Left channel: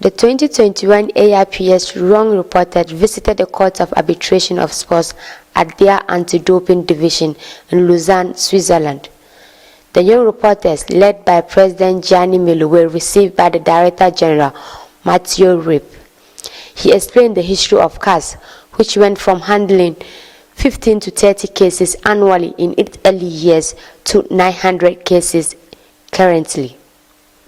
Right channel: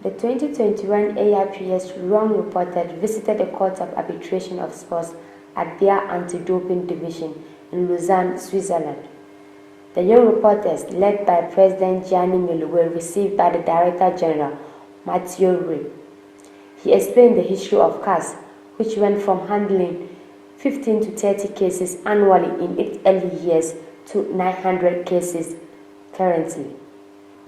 The 2021 AIPS young reporters visited the Court of Arbitration of Sports at their anti-doping division in Lausanne, Switzerland. The young reporters, led by President Gianni Melo, were received by the Director General, Mathieu Rip. He explained the history of CAS, which went from handling 15 to 30 cases annually in its early years to 900 cases currently.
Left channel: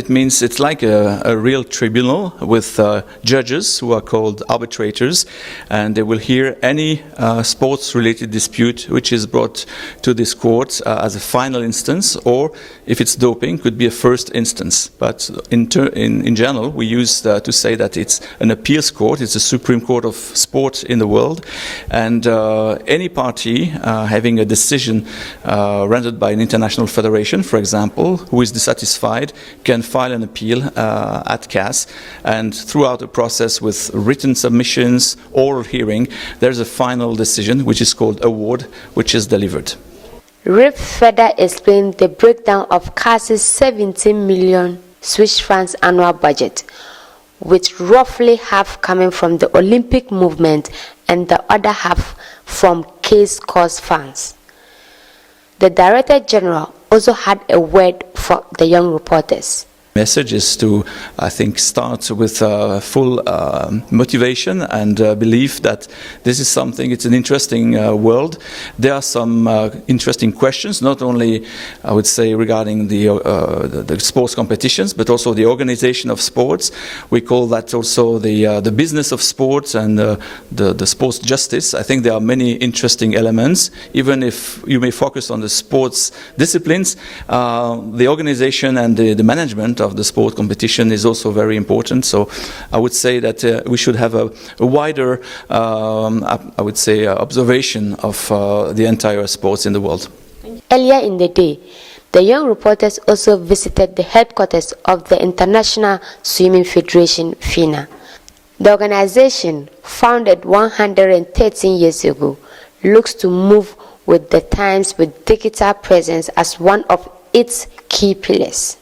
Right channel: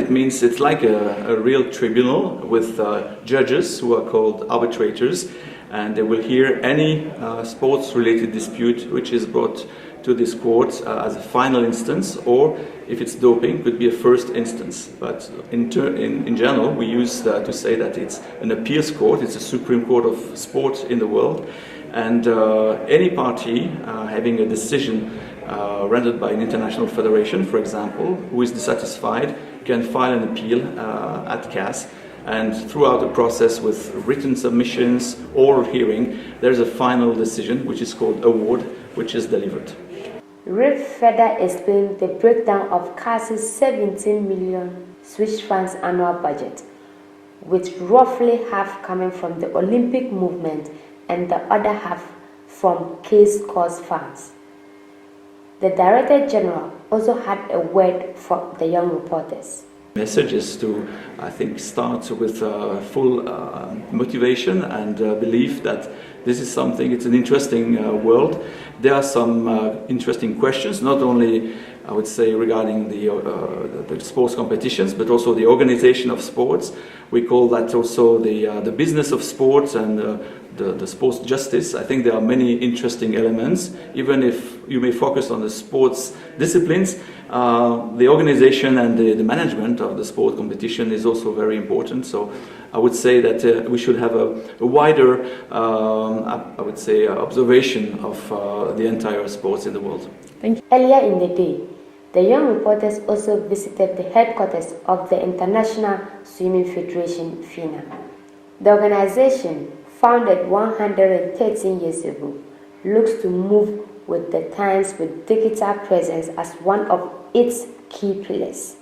It means it's like a real tribunal with judges who are called arbitrators, and they will hear any sports-related dispute which is brought to this court as a final instance, or if it's doping, could be a first instance. But in general, we use to say that it's an appeals court. It's the Supreme Court of sport in the world, and any party having a decision rendered by an international federation, for example, who is dissatisfied, can file an appeal at CAS, and throughout the process with written submissions, oral hearing, there is a final decision which is called award, which is delivered. Rip further explained the breakdown of CAS's 17 million Swiss francs annual budget, with roughly half coming from the Olympic movement and the other half from case cost funds. The Director General also had a word for the young reporters. Message is to, I think, start with full motivation and belief that this is something, it's an interesting world. There are some interesting questions, not only, I would say, regarding the sports competitions, but also the organization of sports. We call that also the business of sports and the sports justice. I think there are many interesting elements. Even if you may focus on the sports disciplines, the organization and the management of the sport competition is also very important. So I would say that we should have a wider, I would say, observation of the entire sports in the world. Earlier in the day, the young reporters also visited the headquarters of the International Swimming Federation, FINA. The organization, founded 113 years ago, looks to move with the times with digital presence as one of its key pillars.